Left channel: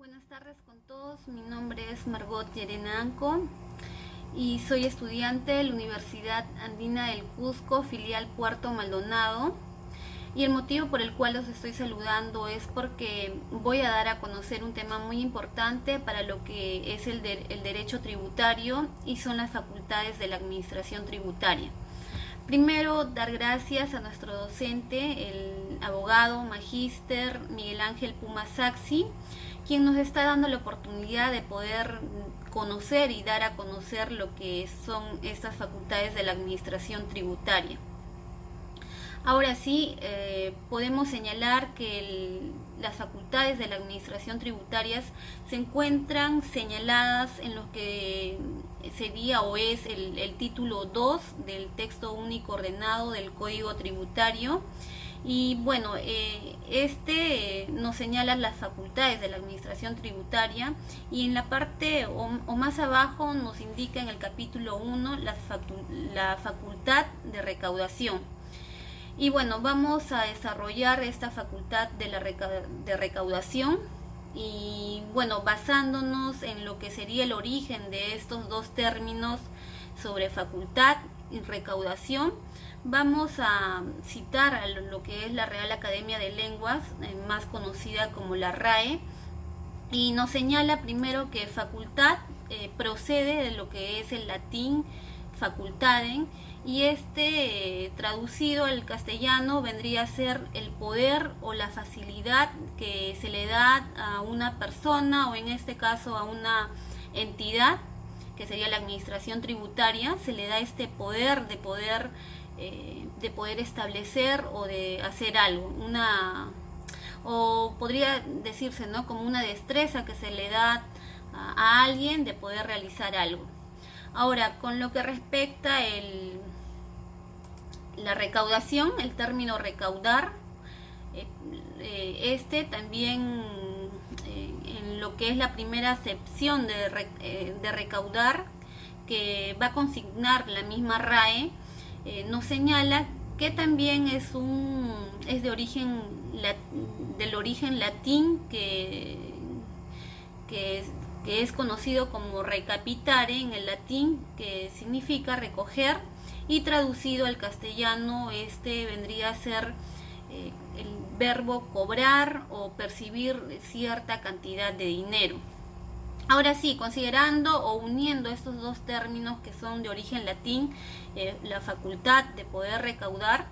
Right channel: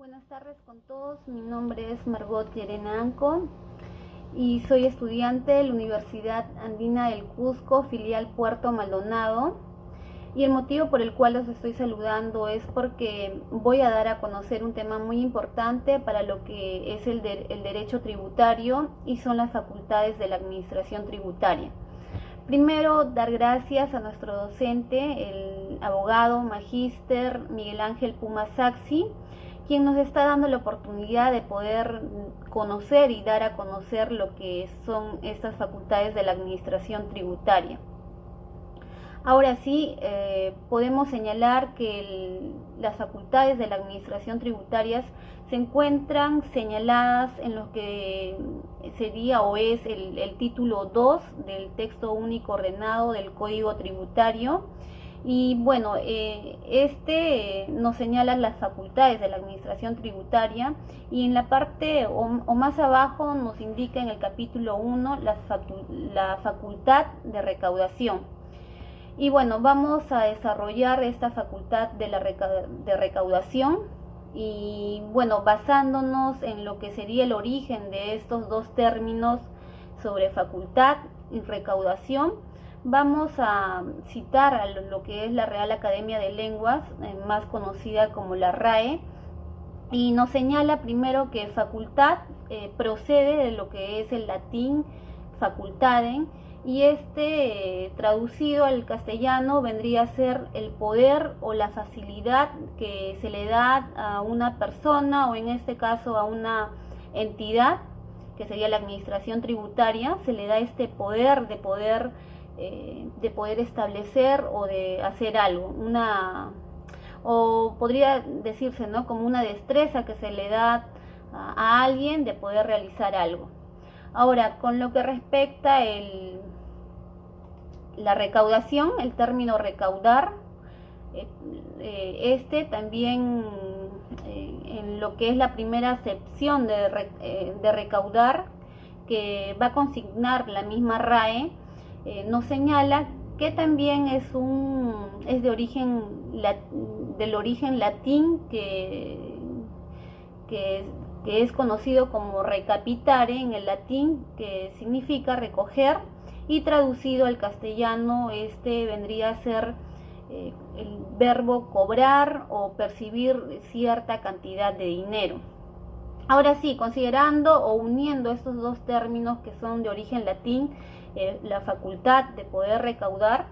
Buenas tardes con todos, mi nombre es Margot Llerena Anco y soy estudiante de la Universidad Andina del Cusco, filial Puerto Maldonado. Y el motivo por el cual los estoy saludando es porque voy a dar a conocer un tema muy importante para lo que es el derecho tributario y son las facultades de la administración tributaria. Primero, dar gracias a nuestro docente, el abogado magíster Miguel Ángel Puma Saxi, quien nos está dando la oportunidad de poder conocer y dar a conocer lo que son estas facultades de la administración tributaria. Ahora sí, podemos señalar que las facultades de la administración tributaria se encuentran señaladas en lo que sería o es el título 2 del texto único ordenado del Código Tributario. Y bueno, este nos señala las facultades de la administración tributaria y en la parte o más abajo nos indica en el capítulo 1 la facultad de recaudación. Y bueno, vamos a desarrollar esta facultad de recaudación y bueno, basándonos en lo que sería el origen de estos dos términos sobre facultad y recaudación, vamos a citar a lo que es la Real Academia de Lenguas, más conocida como la RAE, y nos señala primero que facultad procede de lo que es el latín facultatem, y traducido al castellano vendría a ser el poder o la facilidad que se le da a una persona o en este caso a una entidad que sería la administración tributaria. Se le da este poder de poder establecer o de hacer algo, o podría decirse, ¿no?, como una destreza que se le da a alguien de poder realizar algo. Ahora, con lo que respecta la recaudación, el término recaudar, también en lo que es la primera acepción de recaudar, que va a consignar la misma RAE, nos señala que también es del origen latín que es conocido como recapitare en el latín, que significa recoger, y traducido al castellano vendría a ser el verbo cobrar o percibir cierta cantidad de dinero. Ahora sí, considerando o uniendo estos dos términos que son de origen latín, la facultad de poder recaudar,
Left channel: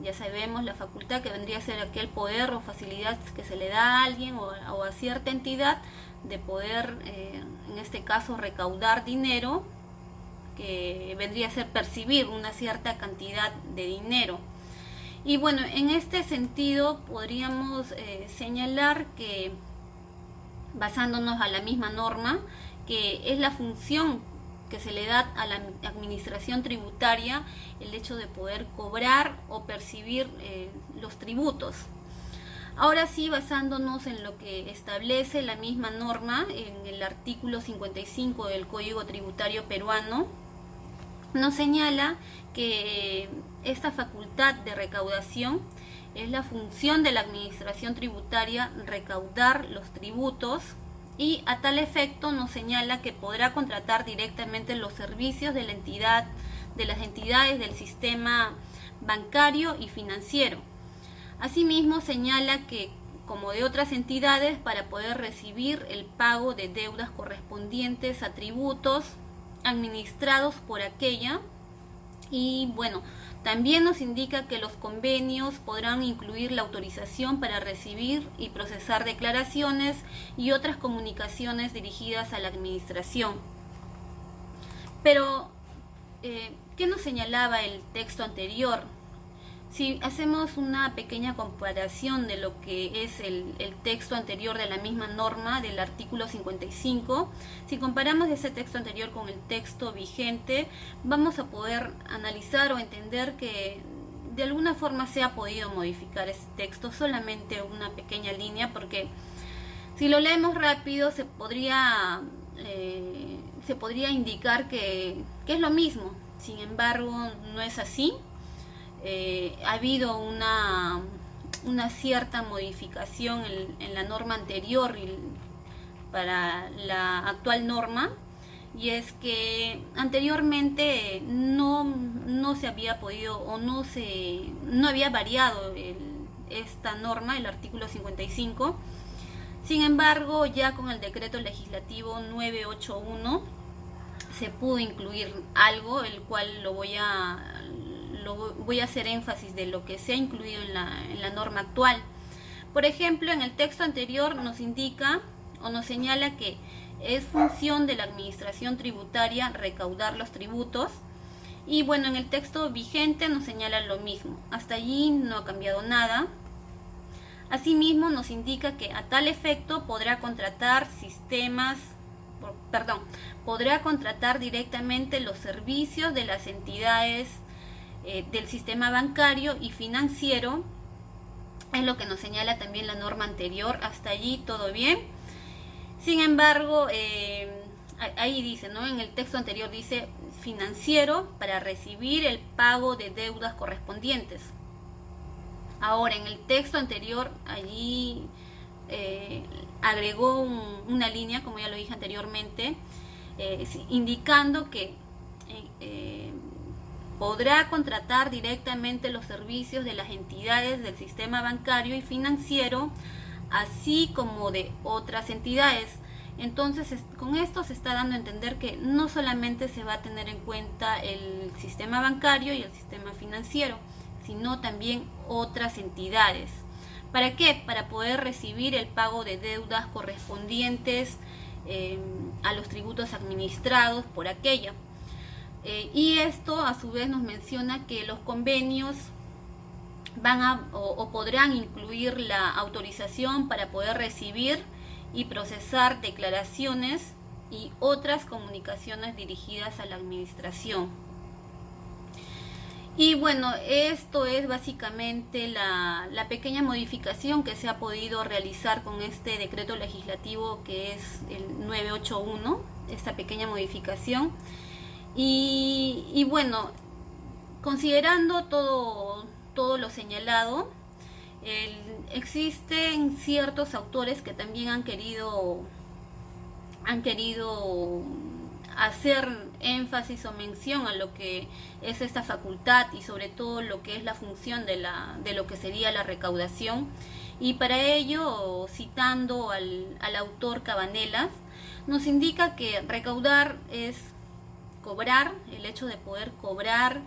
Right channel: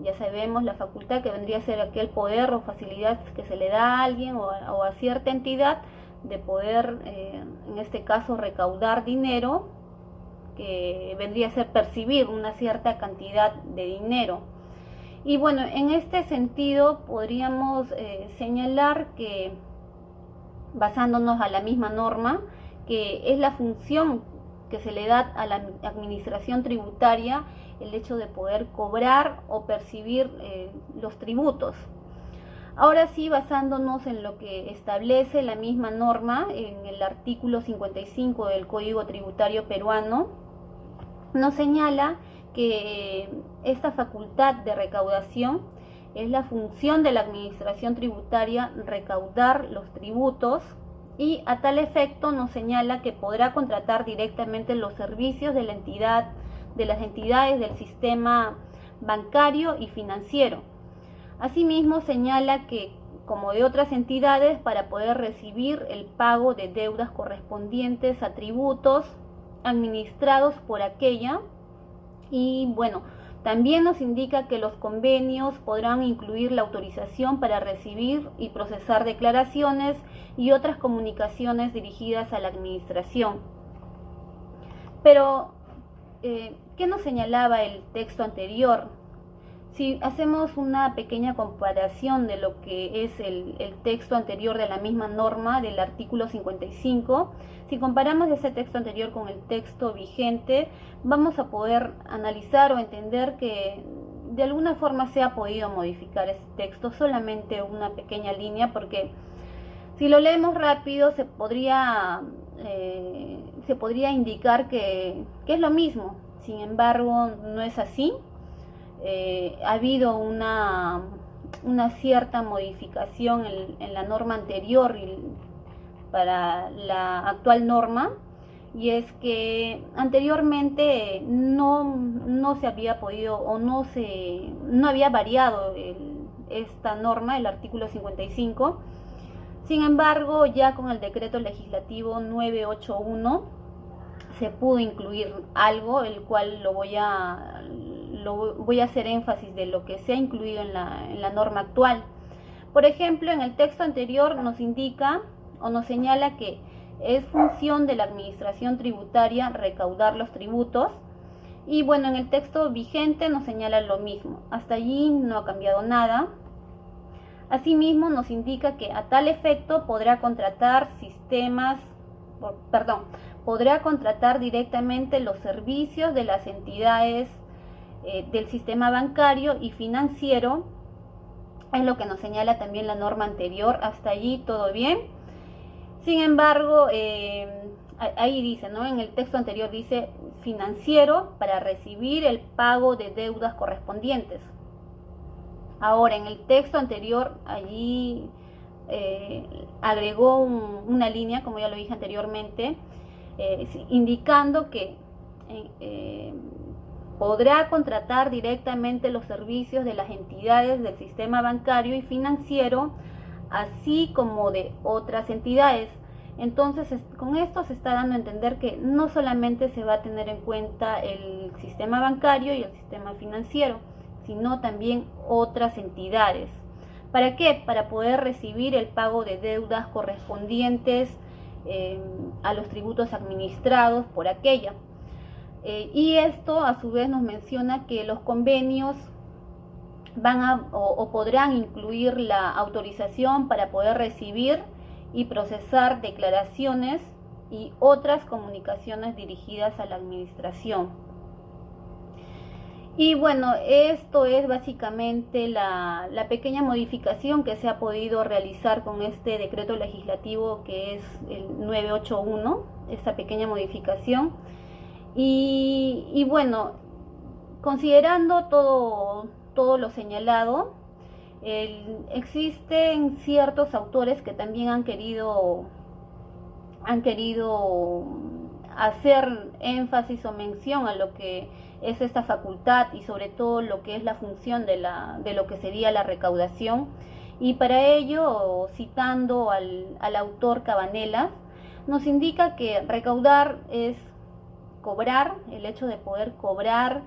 ya sabemos la facultad que vendría a ser aquel poder o facilidad que se le da a alguien o a cierta entidad de poder, en este caso, recaudar dinero, que vendría a ser percibir una cierta cantidad de dinero. Y bueno, en este sentido podríamos señalar que, basándonos a la misma norma, que es la función que se le da a la administración tributaria el hecho de poder cobrar o percibir los tributos. Ahora sí, basándonos en lo que establece la misma norma en el artículo 55 del Código Tributario peruano, nos señala que esta facultad de recaudación es la función de la administración tributaria recaudar los tributos, y a tal efecto nos señala que podrá contratar directamente los servicios de las entidades del sistema bancario y financiero. Asimismo, señala que, como de otras entidades, para poder recibir el pago de deudas correspondientes a tributos administrados por aquella. Y bueno, también nos indica que los convenios podrán incluir la autorización para recibir y procesar declaraciones y otras comunicaciones dirigidas a la administración. Pero, ¿qué nos señalaba el texto anterior? Si hacemos una pequeña comparación de lo que es el texto anterior de la misma norma del artículo 55, si comparamos ese texto anterior con el texto vigente, vamos a poder analizar o entender que de alguna forma se ha podido modificar ese texto, solamente una pequeña línea, porque si lo leemos rápido se podría indicar que es lo mismo. Sin embargo, no es así. Ha habido una cierta modificación en la norma anterior para la actual norma, y es que anteriormente no se había podido o no había variado esta norma, el artículo 55. Sin embargo, ya con el decreto legislativo 981 se pudo incluir algo, el cual voy a hacer énfasis de lo que se ha incluido en la norma actual. Por ejemplo, en el texto anterior nos indica o nos señala que es función de la administración tributaria recaudar los tributos, y bueno, en el texto vigente nos señala lo mismo. Hasta allí no ha cambiado nada. Asimismo, nos indica que a tal efecto podrá contratar directamente los servicios de las entidades del sistema bancario y financiero. Es lo que nos señala también la norma anterior. Hasta allí todo bien. Sin embargo, ahí dice, ¿no? En el texto anterior dice financiero para recibir el pago de deudas correspondientes. Ahora, en el texto anterior, allí agregó una línea, como ya lo dije anteriormente, indicando que podrá contratar directamente los servicios de las entidades del sistema bancario y financiero, así como de otras entidades. Entonces, con esto se está dando a entender que no solamente se va a tener en cuenta el sistema bancario y el sistema financiero, sino también otras entidades. ¿Para qué? Para poder recibir el pago de deudas correspondientes a los tributos administrados por aquella. Y esto a su vez nos menciona que los convenios podrán incluir la autorización para poder recibir y procesar declaraciones y otras comunicaciones dirigidas a la administración. Y bueno, esto es básicamente la pequeña modificación que se ha podido realizar con este decreto legislativo que es el 981, esta pequeña modificación. Y bueno, considerando todo lo señalado, existen ciertos autores que también han querido hacer énfasis o mención a lo que es esta facultad y sobre todo lo que es la función de lo que sería la recaudación. Y para ello, citando al autor Cabanelas, nos indica que recaudar es cobrar, el hecho de poder cobrar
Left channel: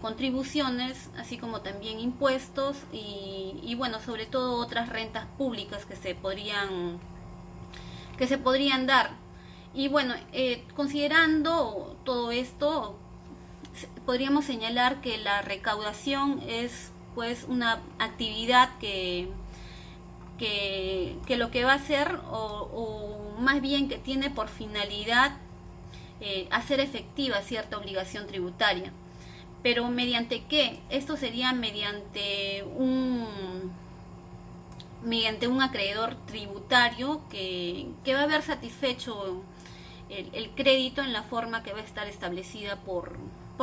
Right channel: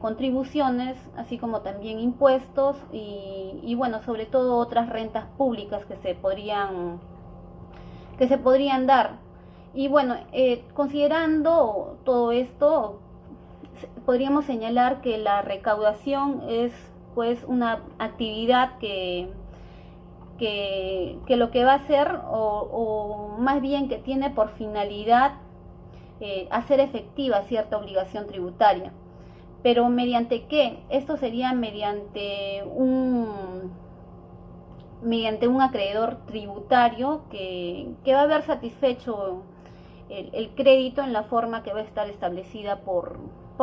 contribuciones, así como también impuestos y bueno, sobre todo otras rentas públicas que se podrían dar. Y bueno, considerando todo esto, podríamos señalar que la recaudación es pues una actividad que lo que va a hacer o más bien que tiene por finalidad hacer efectiva cierta obligación tributaria. Pero ¿mediante qué? Esto sería mediante un acreedor tributario que va a haber satisfecho el crédito en la forma que va a estar establecida por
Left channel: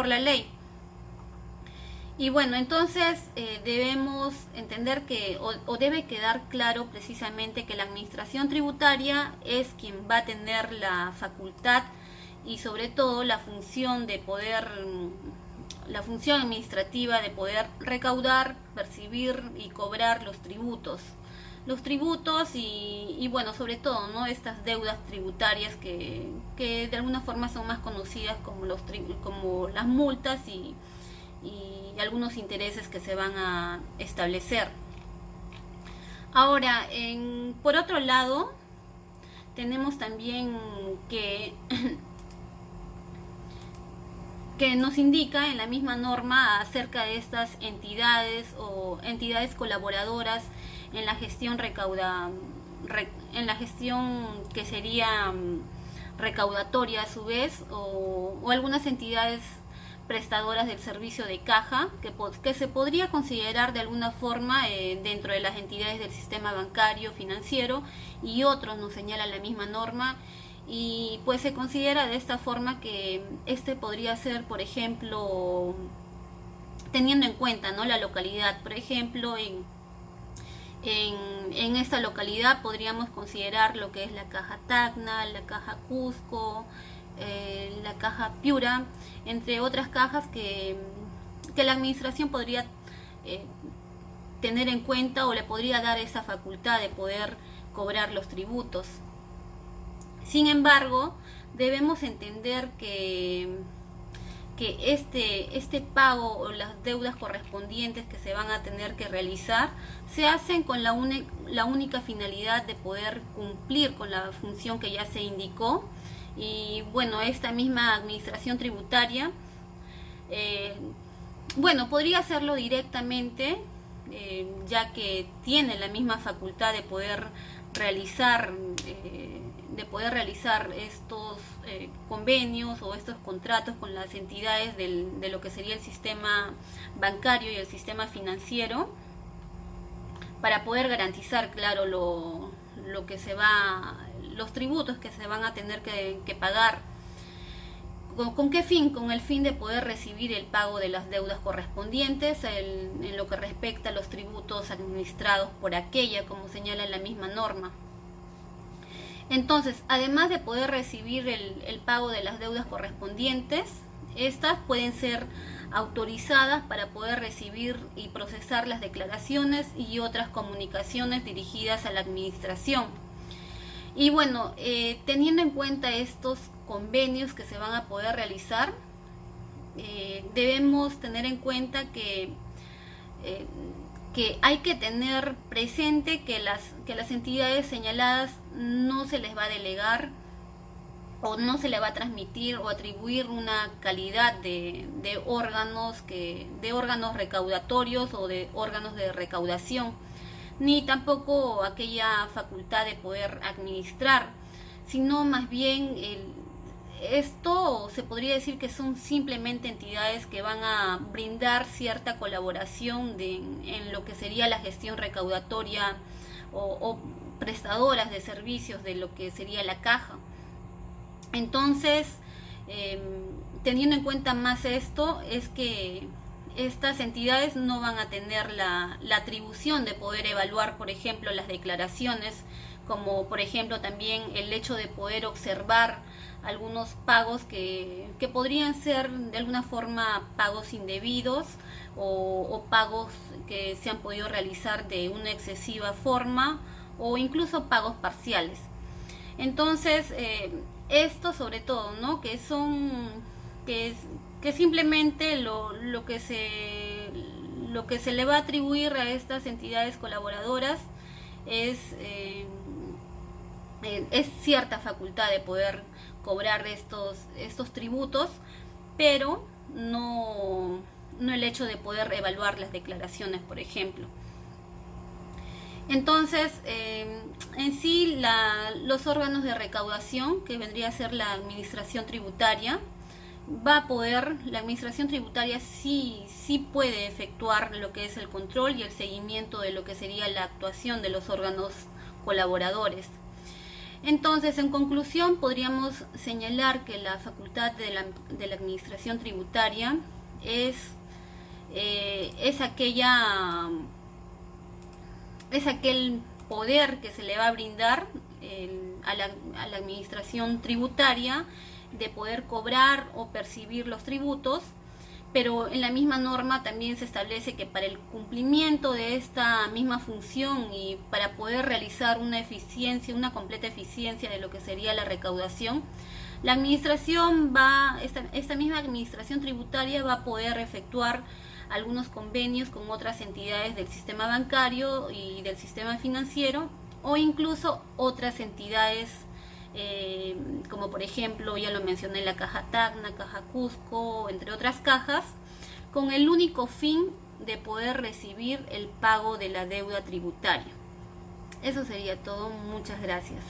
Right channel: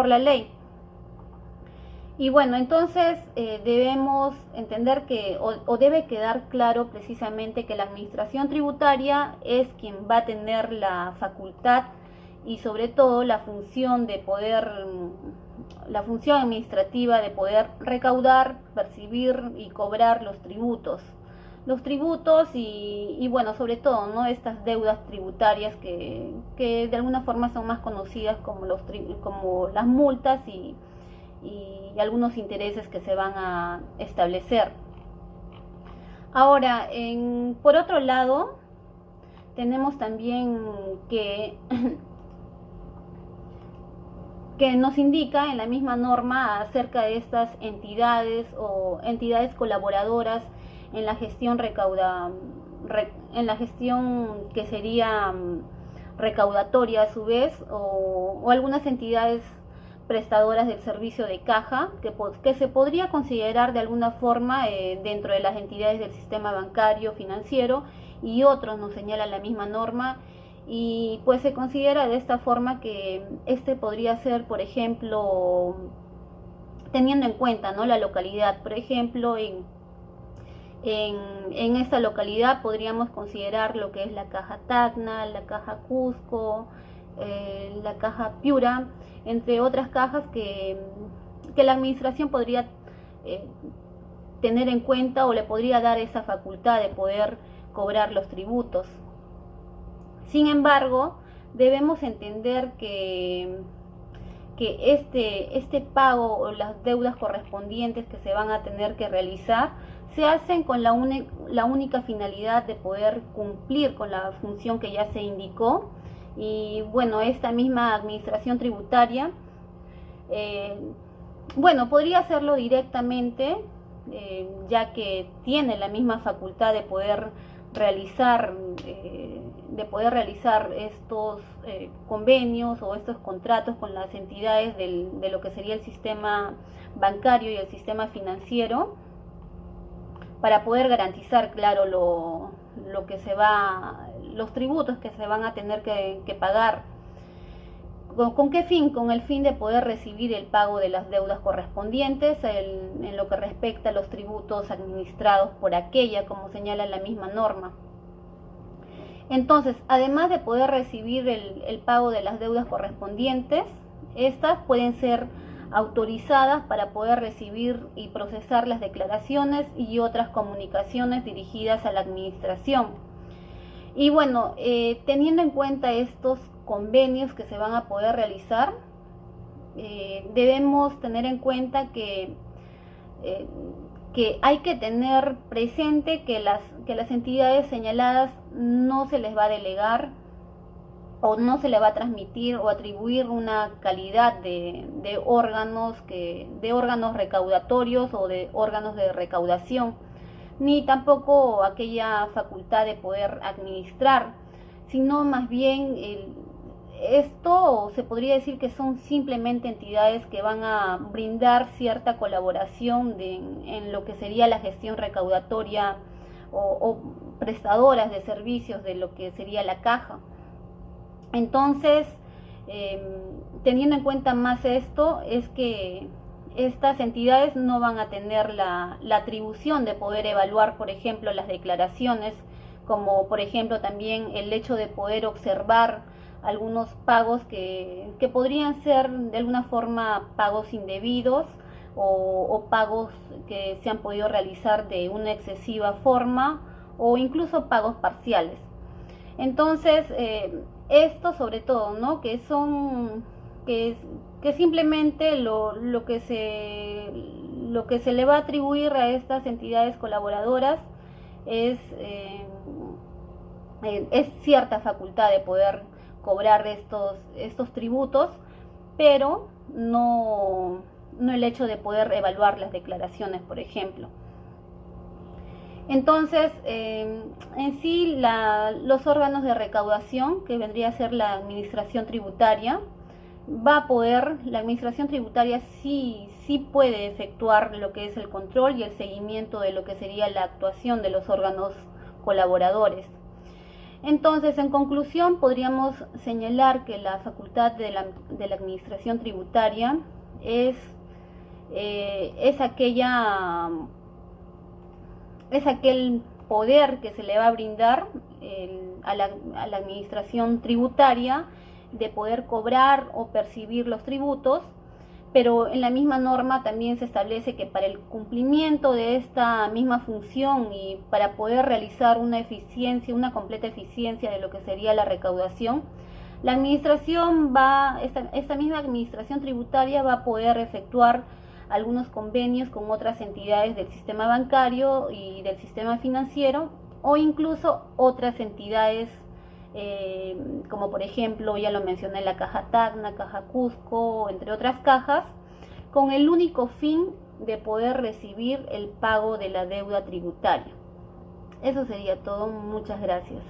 la ley. Y bueno, entonces debemos entender que o debe quedar claro precisamente que la administración tributaria es quien va a tener la facultad y sobre todo la función administrativa de poder recaudar, percibir y cobrar los tributos y bueno, sobre todo, ¿no?, estas deudas tributarias que de alguna forma son más conocidas como las multas y algunos intereses que se van a establecer. Ahora, por otro lado, tenemos también que nos indica en la misma norma acerca de estas entidades o entidades colaboradoras en la gestión que sería recaudatoria a su vez, o algunas entidades prestadoras del servicio de caja que se podría considerar de alguna forma dentro de las entidades del sistema bancario financiero, y otros nos señala la misma norma. Y pues se considera de esta forma que podría ser, por ejemplo, teniendo en cuenta, ¿no?, la localidad. Por ejemplo, En esta localidad podríamos considerar lo que es la Caja Tacna, la Caja Cusco, la Caja Piura, entre otras cajas que la administración podría tener en cuenta o le podría dar esa facultad de poder cobrar los tributos. Sin embargo, debemos entender que este pago o las deudas correspondientes que se van a tener que realizar se hacen con la única finalidad de poder cumplir con la función que ya se indicó. Y bueno, esta misma administración tributaria, podría hacerlo directamente, ya que tiene la misma facultad de poder realizar estos convenios o estos contratos con las entidades de lo que sería el sistema bancario y el sistema financiero, para poder garantizar, claro, los tributos que se van a tener que pagar. ¿Con qué fin? Con el fin de poder recibir el pago de las deudas correspondientes en lo que respecta a los tributos administrados por aquella, como señala la misma norma. Entonces, además de poder recibir el pago de las deudas correspondientes, estas pueden ser autorizadas para poder recibir y procesar las declaraciones y otras comunicaciones dirigidas a la administración. Y bueno, teniendo en cuenta estos convenios que se van a poder realizar, debemos tener en cuenta que hay que tener presente que las entidades señaladas no se les va a delegar o no se le va a transmitir o atribuir una calidad de órganos recaudatorios o de órganos de recaudación, ni tampoco aquella facultad de poder administrar, sino más bien esto se podría decir que son simplemente entidades que van a brindar cierta colaboración en lo que sería la gestión recaudatoria o prestadoras de servicios de lo que sería la caja. Entonces, teniendo en cuenta más esto, es que estas entidades no van a tener la atribución de poder evaluar, por ejemplo, las declaraciones, como por ejemplo también el hecho de poder observar algunos pagos que podrían ser de alguna forma pagos indebidos o pagos que se han podido realizar de una excesiva forma o incluso pagos parciales. Entonces, esto sobre todo, ¿no? Que simplemente lo que se le va a atribuir a estas entidades colaboradoras es cierta facultad de poder cobrar estos tributos, pero no el hecho de poder evaluar las declaraciones, por ejemplo. Entonces, en sí, los órganos de recaudación, que vendría a ser la administración tributaria, la administración tributaria sí puede efectuar lo que es el control y el seguimiento de lo que sería la actuación de los órganos colaboradores. Entonces, en conclusión, podríamos señalar que la facultad de la administración tributaria es aquel poder que se le va a brindar a la administración tributaria de poder cobrar o percibir los tributos, pero en la misma norma también se establece que para el cumplimiento de esta misma función y para poder realizar una completa eficiencia de lo que sería la recaudación, la administración esta misma administración tributaria va a poder efectuar algunos convenios con otras entidades del sistema bancario y del sistema financiero, o incluso otras entidades como por ejemplo, ya lo mencioné, la Caja Tacna, Caja Cusco, entre otras cajas, con el único fin de poder recibir el pago de la deuda tributaria. Eso sería todo. Muchas gracias.